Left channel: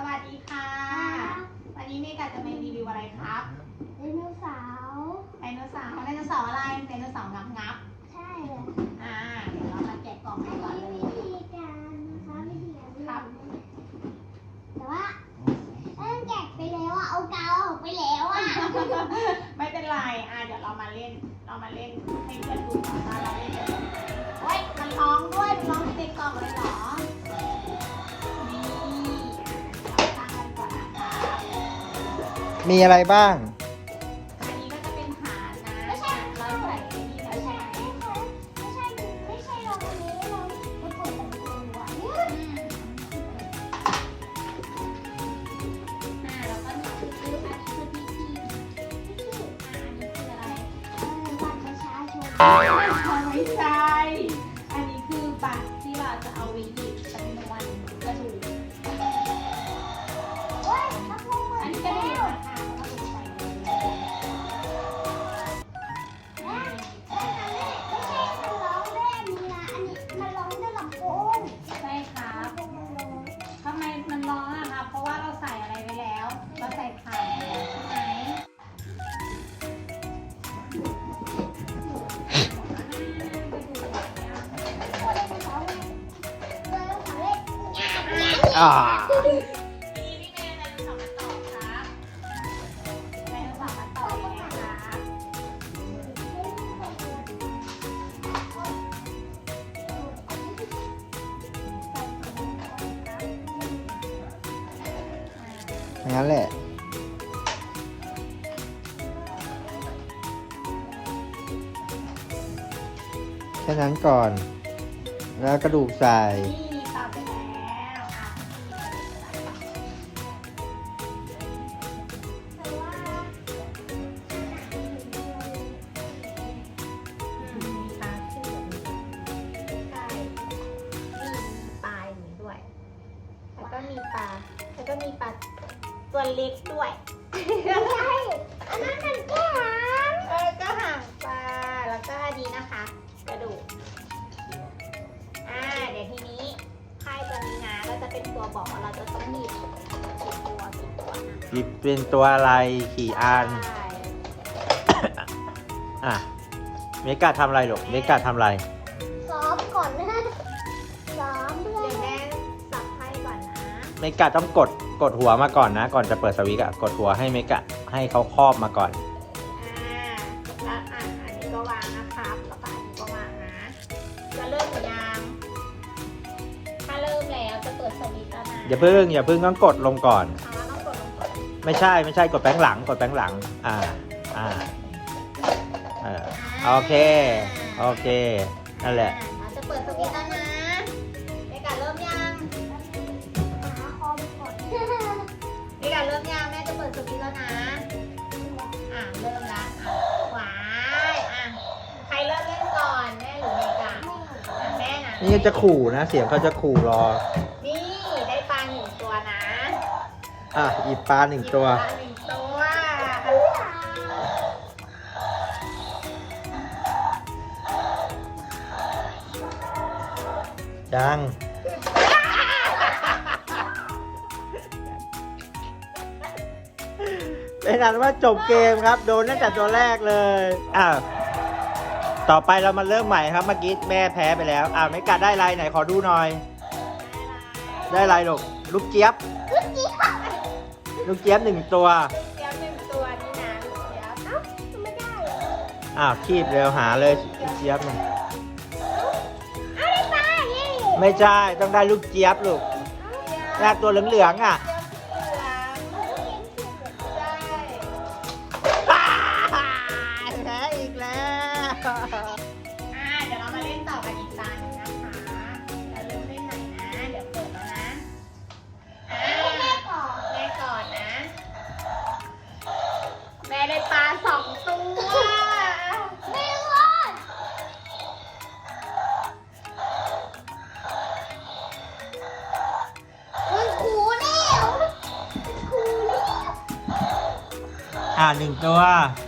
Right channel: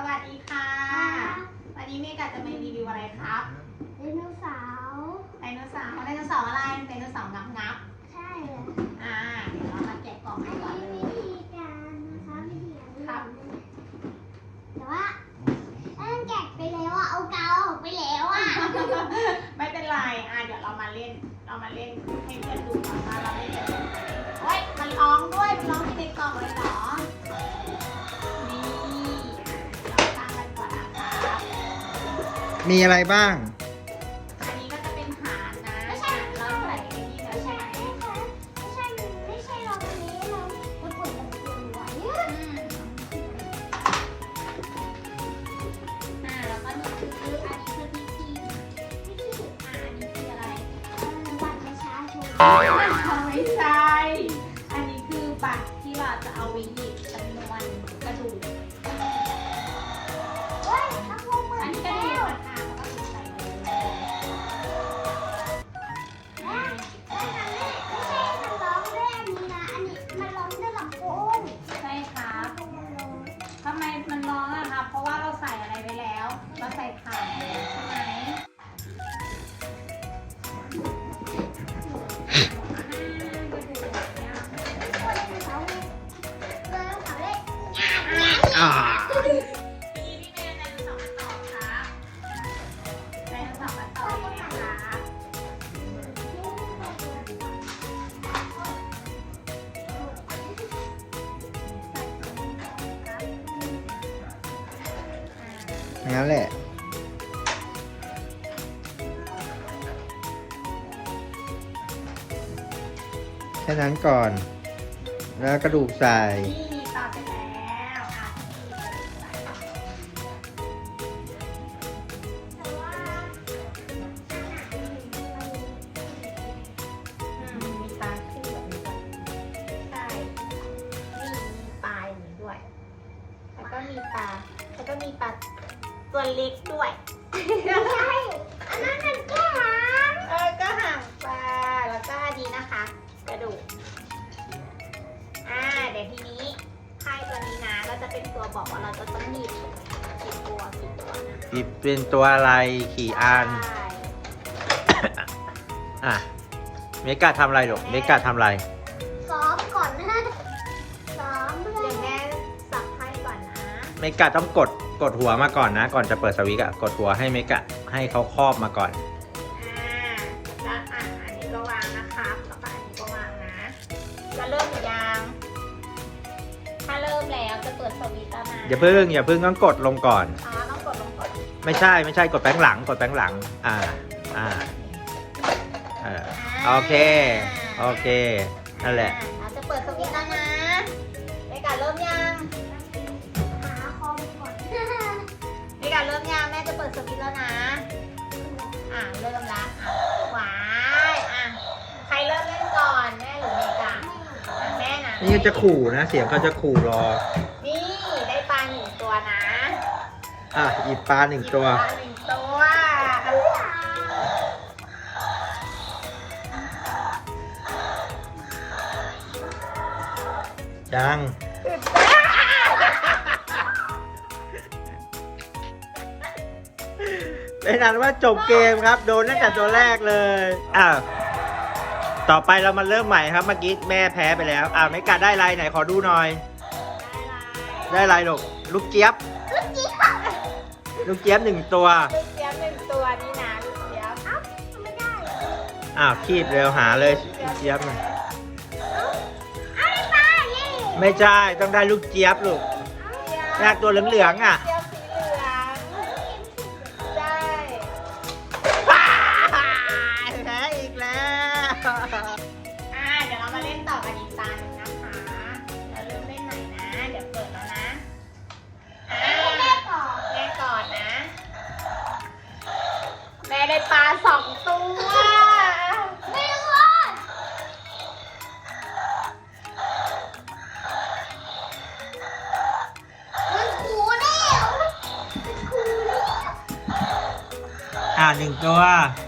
สวัสดีค่ะ วันนี้เมกาจะมารีวิวอะไรครับไดโนเสาร์ไดโนเสาร์ไดโนเสาร์อะไรไดโนเสาร์งับงับใช่อ่าเดี๋ยวเรามาแกะกล่องกันก่อนเลย วิธีการนะคะวิธีการครับ แต่ว่าเอ้ยแกะไปแล้วอะเอากาวออกไปแล้วอะไม่เป็นไรอ่าเดี๋ยวเรามาเล่น เรามาเล่นให้เพื่อนดูก่อนว่าเราเล่นกัน มีอะไรบ้าง อยังไงครับอย่างนั้นแหละแค่นั้นก่อน แล้วกระดูกใส่ แล้วก็มีปลา แล้วก็มีปลาตัวเล็กด้วยอันนั้นมันแค่หางเออ ก็ห่างปลา แล้วก็อันนี้นะคะ กระดูก อ่า เดี๋ยวทีนี้ไพ่ตัวนี้นะก็จะเป็นตัวบอกว่าเราจะต้องหยิบกี่ตัวกี่ตัวนะหยิบเป็นตัวอะไรกี่อัน ใช่ อะ เมกาทำอะไรหรอกเมกาทำอะไร เมกาต้องกดกดหัวมาก่อนนะ ก่อนจะเปิดสวิตช์อะกดหัวให้เมกาให้เขาครอบมาก่อน อ่าแล้วอะอันนี้ก็วางนะครับแล้วก็อันนี้ก็วางนะจะเริ่มหรือยังถ้าเริ่มแล้วจะเปิดสวิตช์แล้วนะอย่าเพิ่งอย่าเพิ่งต้องกดลงก่อน อ๋อต้องกดลงก่อนไม่ใช่ไม่ใช่กดแป้งหลังกดแป้งหลัง อ่า อ่าเออโอเค โอเค นั่นแหละ อ่าเราจะเปิดสวิตช์แล้วนะในการเริ่มยัง นะนี่จะขู่นะ เสียงเขาจะขู่รอ นี่ได้ปลาหนึ่งตัวนะอะหยิบปลาหนึ่งตัว ปลาหนึ่งตัวยัง เป็นอันว่าจบเกมครับ โดนตั้งแต่ตัวแรกเลยอะ ต่อไปเรามาเริ่มใหม่ครับเมื่อกี้แม่แพ้ไปแล้ว อะไม่กัดได้ไรไหนขอดูหน่อย ได้ไรลูกลูกเจี๊ยบลูกเจี๊ยบหนึ่งตัว ลูกเจี๊ยบหนึ่งตัวนี่นะลูกเจี๊ยบเอ้าไม่ได้อ้าวคีบเร็วหาเลยลูกเจี๊ยบน่ะเอาไปนี่ไม่ใช่ต้องได้ลูกเจี๊ยบลูกแรกตัวเหลืองๆอะ อ่าหนึ่งตัวเ